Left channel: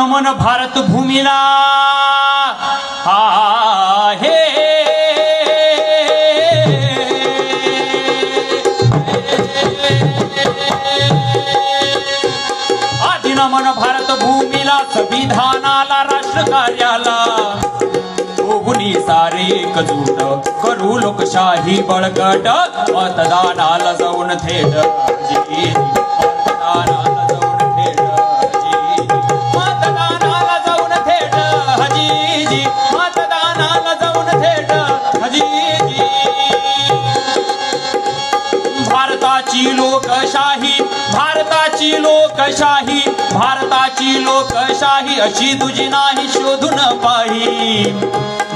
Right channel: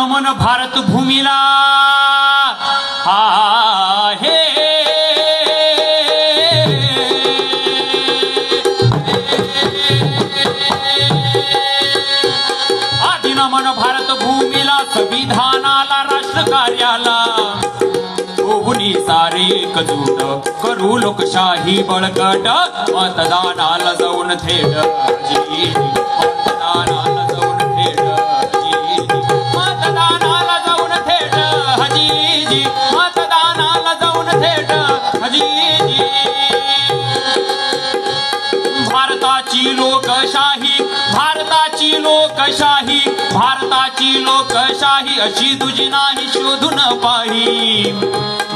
नमन भारत भूमीला आहे आधी नमन भारत भूमीला संविधानाला राष्ट्र कार्याला ओगुनी सारे एकजूट करू लोकशाही बळकट मतदानाला जाऊन थेट मतदानाला जाऊन थेट मतदानाला जाऊन थेट हजीजी मतदानाला जाऊन थेट हजीजी भारताची लोकशाही भारताची लोकशाही भारताची लोकशाही अशी तुझी नाही शोधून पाही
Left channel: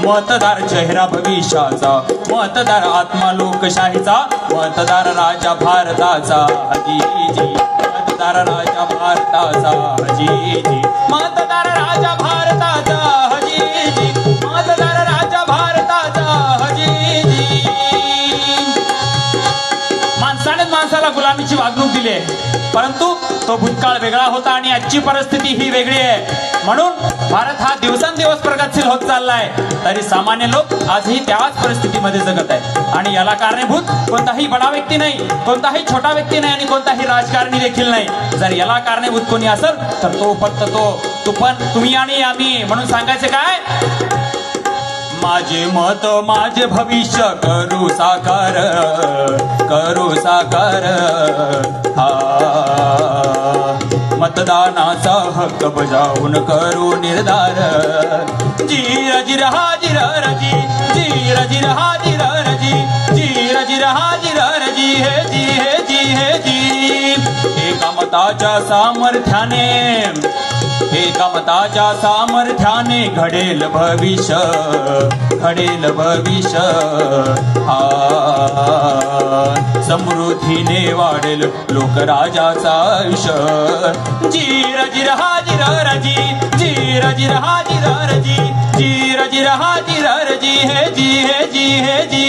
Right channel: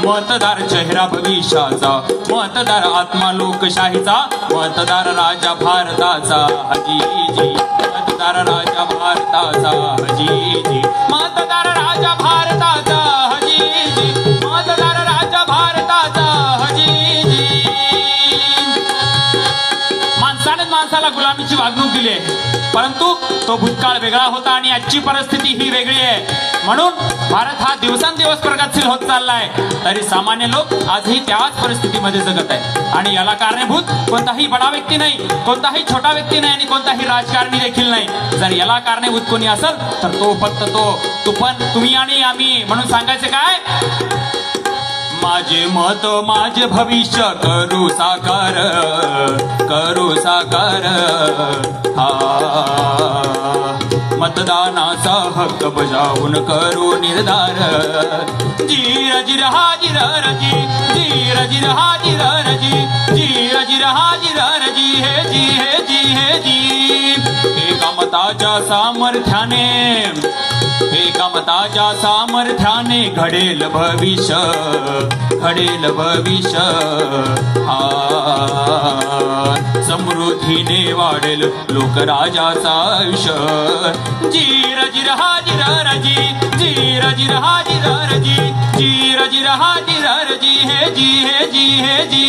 मतदार चेहरा भविष्याचा मतदार आत्मा लोकशाहीचा मतदार राजा भारताचा हजीजी मतदार राजा भारताचा हजीजी मतदार राजा भारताचा हजीजी मतदार राजा भारताचा हजीजी माणसानेच माणसाला गुलामीची वागणूक दिली परंतु तो भूतकाळ वेगळा होता आणि आजची परिस्थिती ही वेगळी आहे म्हणून भारत हा दिवसेंदिवस प्रगतशील होत चाललाय तरी सामान्य लोक आजही त्याच परिस्थितीमध्ये जगत आहे आणि याला कारणीभूत कोणताही बडा व्यक्ती नाही कोणताही छोटा व्यक्ती नाही आणि कोणताही राजकारणी देखील नाही जर याला कारणीभूत कोणी असेल तर तो फक्त तू पण तुम्ही आणि आम्ही म्हणून सांगायचे काय माझे मत माझे भविष्य करू साकार हा मतदानाचा हक्क बजावून करू निर्धार जीर जिर हाजीर रजी जीर जिर हाजीर रजी जीर जिर हाजीर रजी हे जी हे जी हे जी एका मताच्या सामर्थ्याने एका मताच्या सामर्थ्याने घडेल भविष्य हा समृद्धीने वाढेल लोकराजाचा आयुष्य जीर जिर हाजीर रजी जीर जिर हाजीर रजी जीर जिर हाजीर रजी हे जी हे जी हे जी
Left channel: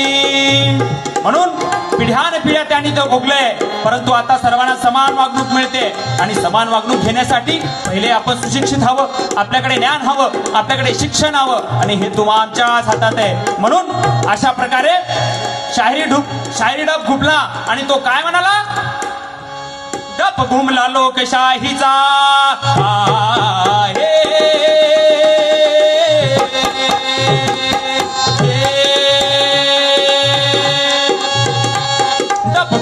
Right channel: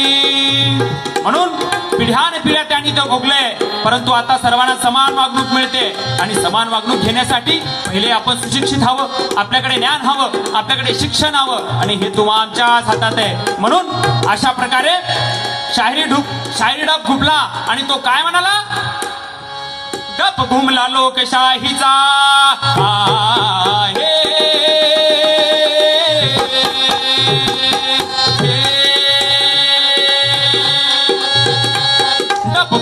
म्हणून पिढ्यानपिढ्या त्यांनी तो भोगलंय परंतु आता सर्वांना समान वागणूक मिळते आणि समान वागणूक घेण्यासाठी पहिले आपण सुशिक्षित हवं आपल्याकडे ज्ञान हवं आपल्याकडे शिक्षण हवं आणि हे तुमच्याच हातात आहे म्हणून अशा प्रकारे शाहिरी डब घुमला आणि तो काय म्हणाला डब घुमला लोकशाहीचा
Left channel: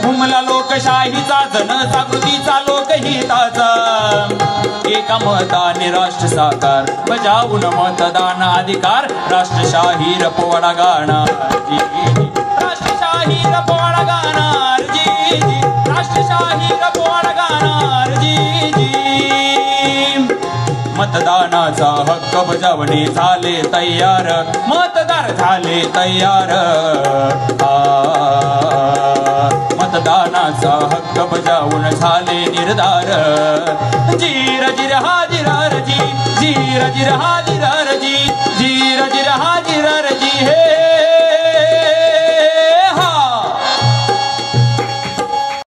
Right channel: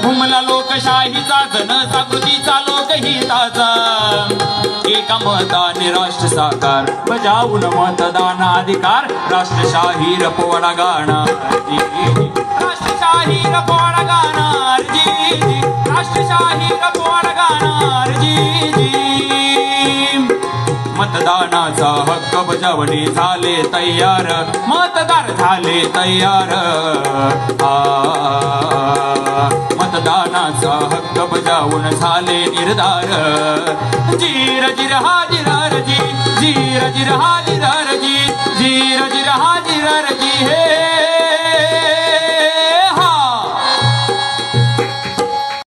घुमला लोकशाहीचा जनजागृतीचा लोकहिताचा एका मताने राष्ट्र साकार बजावून मतदान अधिकार राष्ट्रशाही पोवाडा गाणार राष्ट्रशाही पोवाडा गाणार जी राष्ट्रशाही पोवाडा गाणार जी मतदानाचा हक्क बजावणे झाले तयार मतदार झाले तयार मतदानाचा हक्क बजावून झाले निर्धार जीर जिर हाजीर रजी जीर जिर हाजीर